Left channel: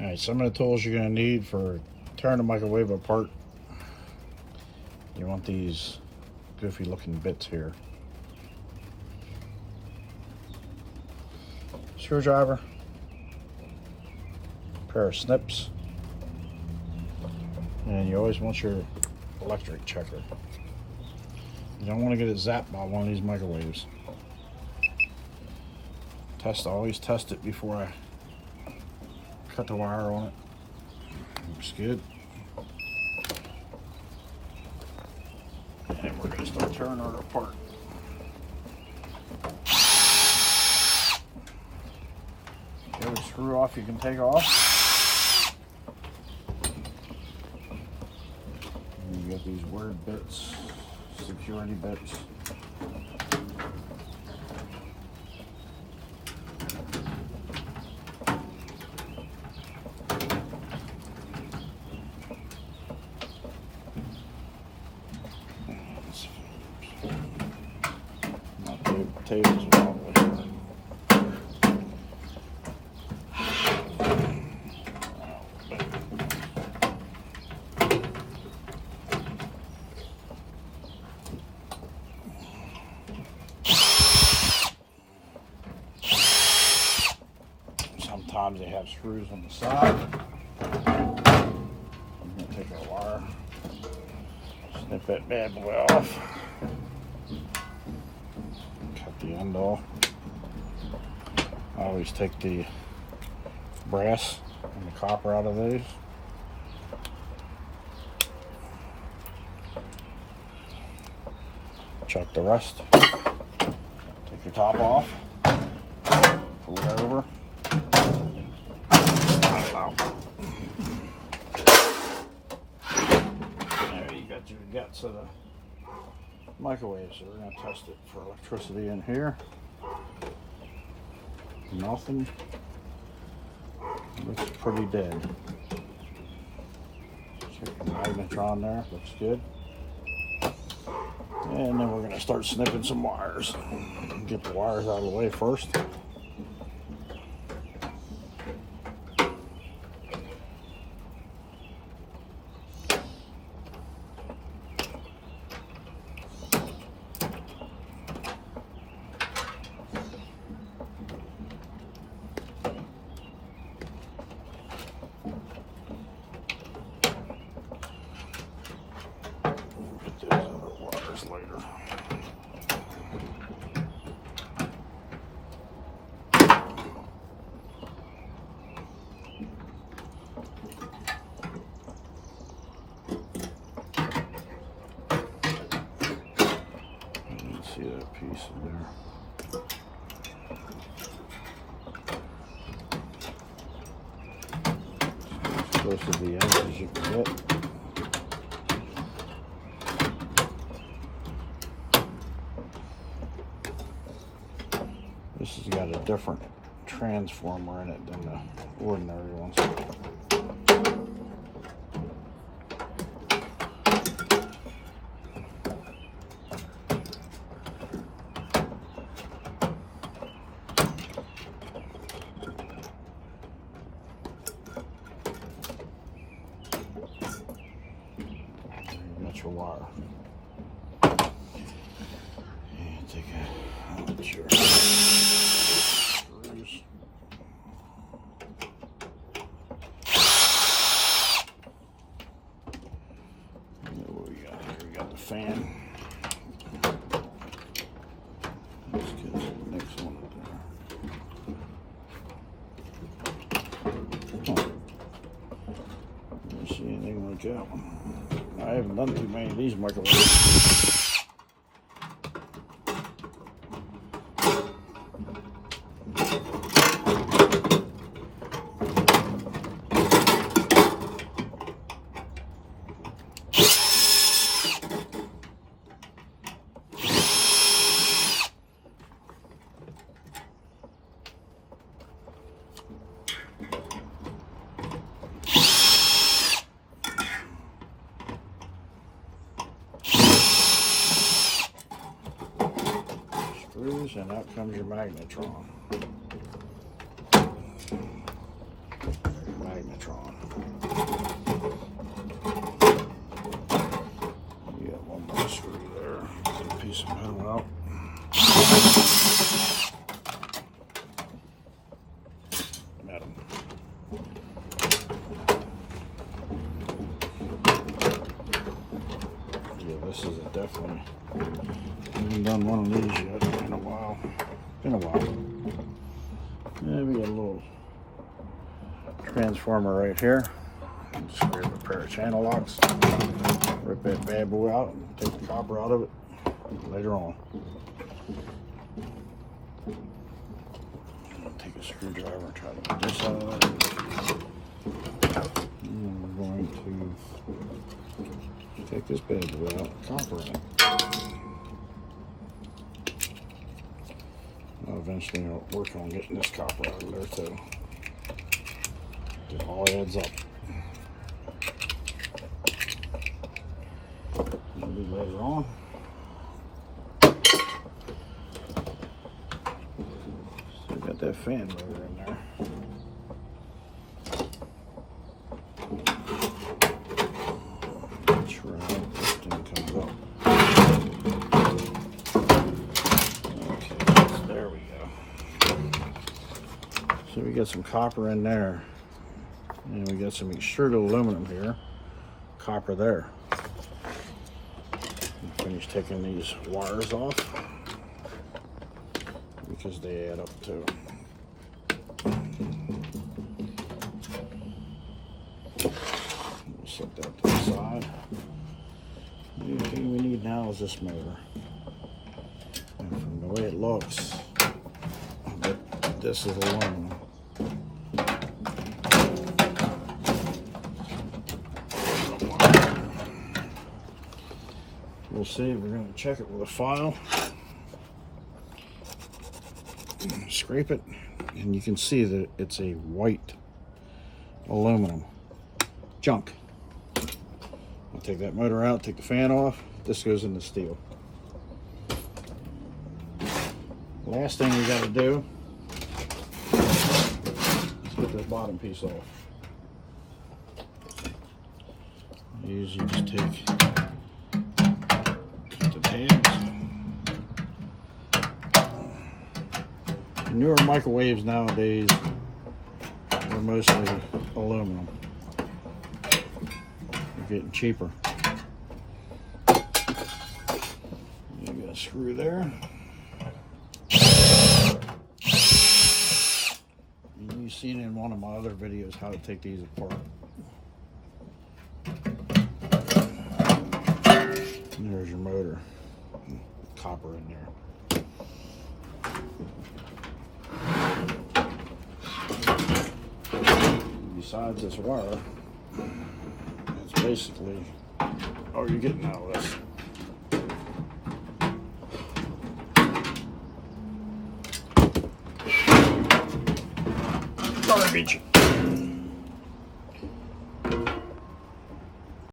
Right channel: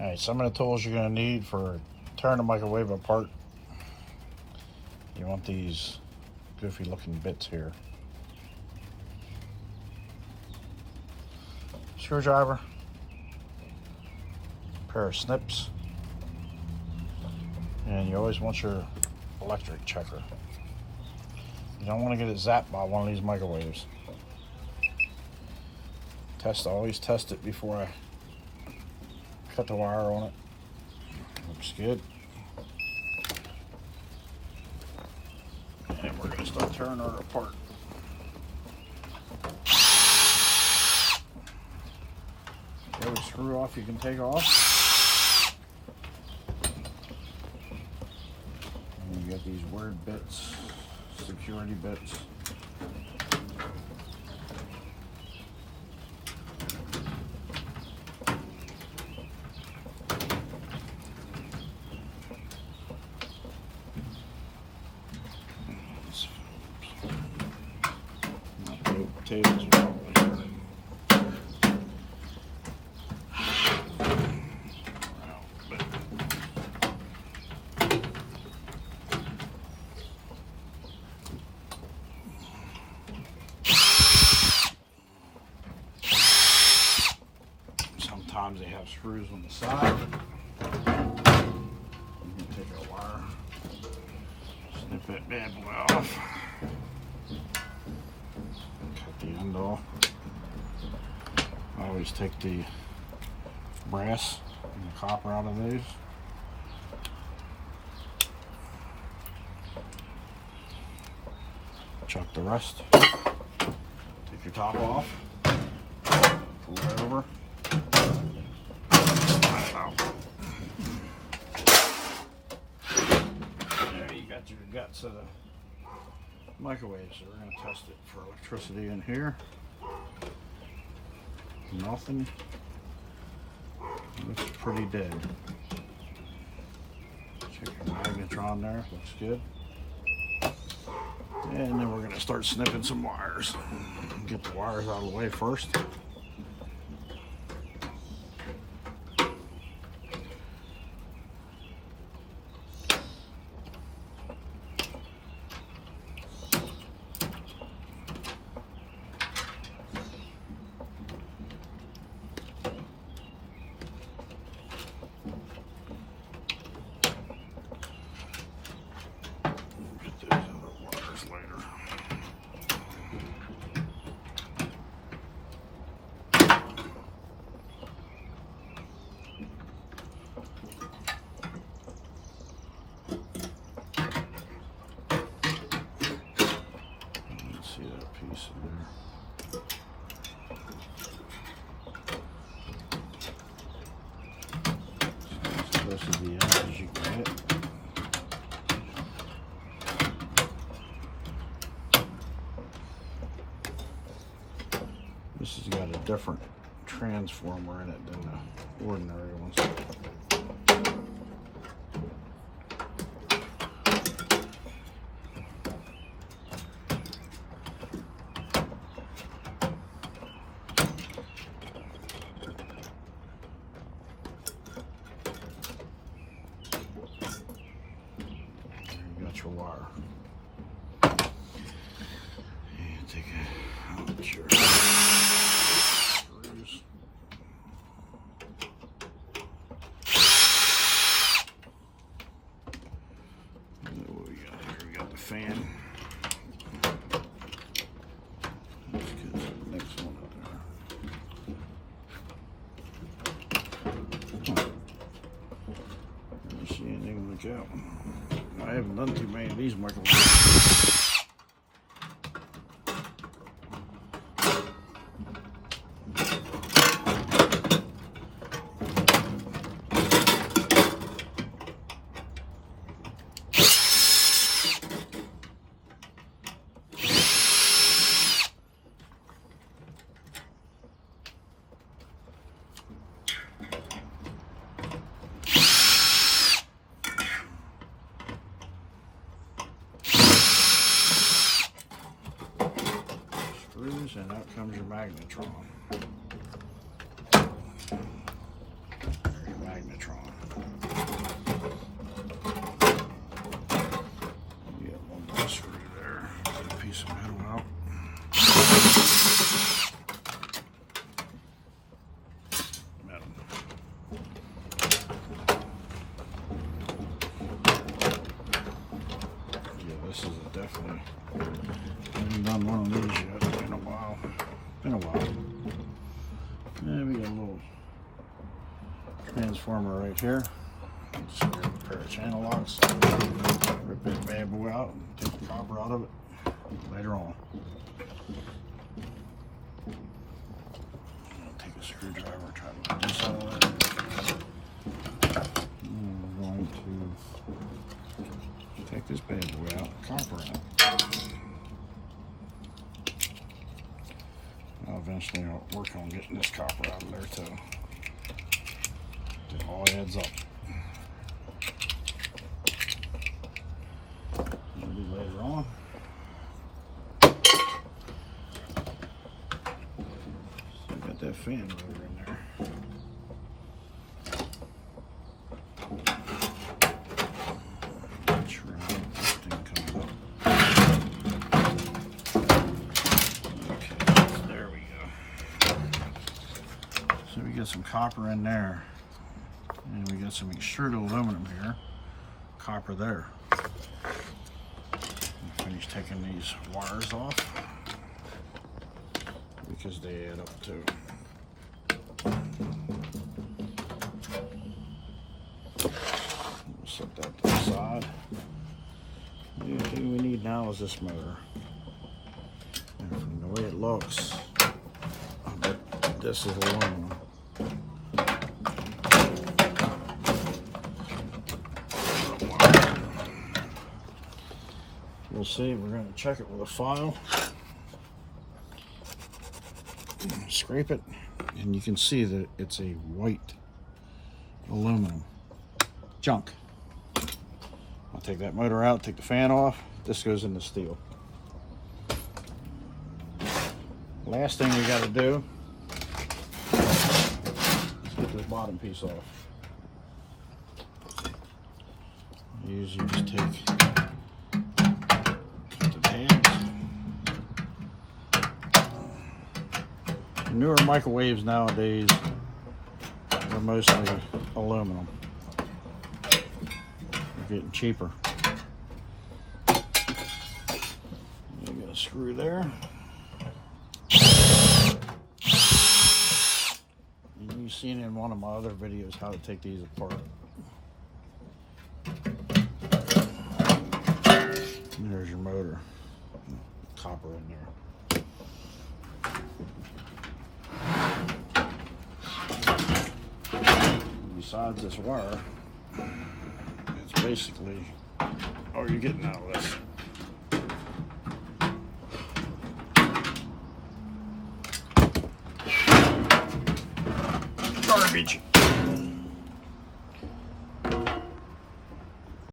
Alright, some of the tools you're going to need for tearing the microwave apart. You want these goofy looking bits here. Screwdriver, pair of snips, and you always want your electric checker. You don't want to get it zapped by one of these microwaves. Always test it before I cut the wire on it. Looks good. And we're going to start tearing her apart. Every screw off you can take off. And you got these weird bits, security bits. Potatoes are all over. Sometimes they have screws on the side. I'm going to take our wire, snip that bad boy off. The end off. I always take the brass and the copper out of these. Chuck the rest. Take your top off. Pull it over. There you got your guts of the microwave, so we're going to test it for electricity in here. Nothing. Looks pretty dead. Check your magnetron there, looks good. And then we're going to start snipping some wires. Get the wires out of the way first. Later. You can see that piece in there. As close to the end as you can get. This has got a different transformer in it than the ordinary ones. There you got your wire. And take out your screws. What we got here? We got the fan. Let's get some next one up there. Didn't see anything like that one. I haven't done too many of these microwaves. And out comes your magnetron. Magnet. Magnetron. We got one more screw there. Get a piece of metal out. Metal. Yeah, this is definitely. I haven't done one of these yet in a while. Been a while. Yeah, we got a little transformer right here. Screw up a pair of channel locks. Rip that bad boy out and take the copper out of it later on. I'll take a screwdriver and try to get this out. And we're going to take this bad boy out and copper in it. Eventually I'll work on getting this copper out of there too. It all adds up. Maybe later on. Still got that fan motor in there. Make sure this thing comes up. Okay, there we go. So we got some copper in there. And we got some extruded aluminum here. Copper there. Finish taking these wires off because they add up too. We'll set that to the side. The only thing we need now is this motor. And from the way it looks, I bet this is aluminum. We'll see. We're going to check it with a file. Scrape it, and you can see that it's a white aluminum junk. I'll take that motor out, take the fan off. This goes in the steel. Last thing we got to do is get this bottom piece off. Usually just take the tabs. Newer microwaves nowadays are mostly aluminum. They're getting cheaper. You got a screw there. You've seen in one of my other videos how to take these apart. And there's your motor. Copper in there. Besides this wire, it's basically all you're getting out of this. Garbage.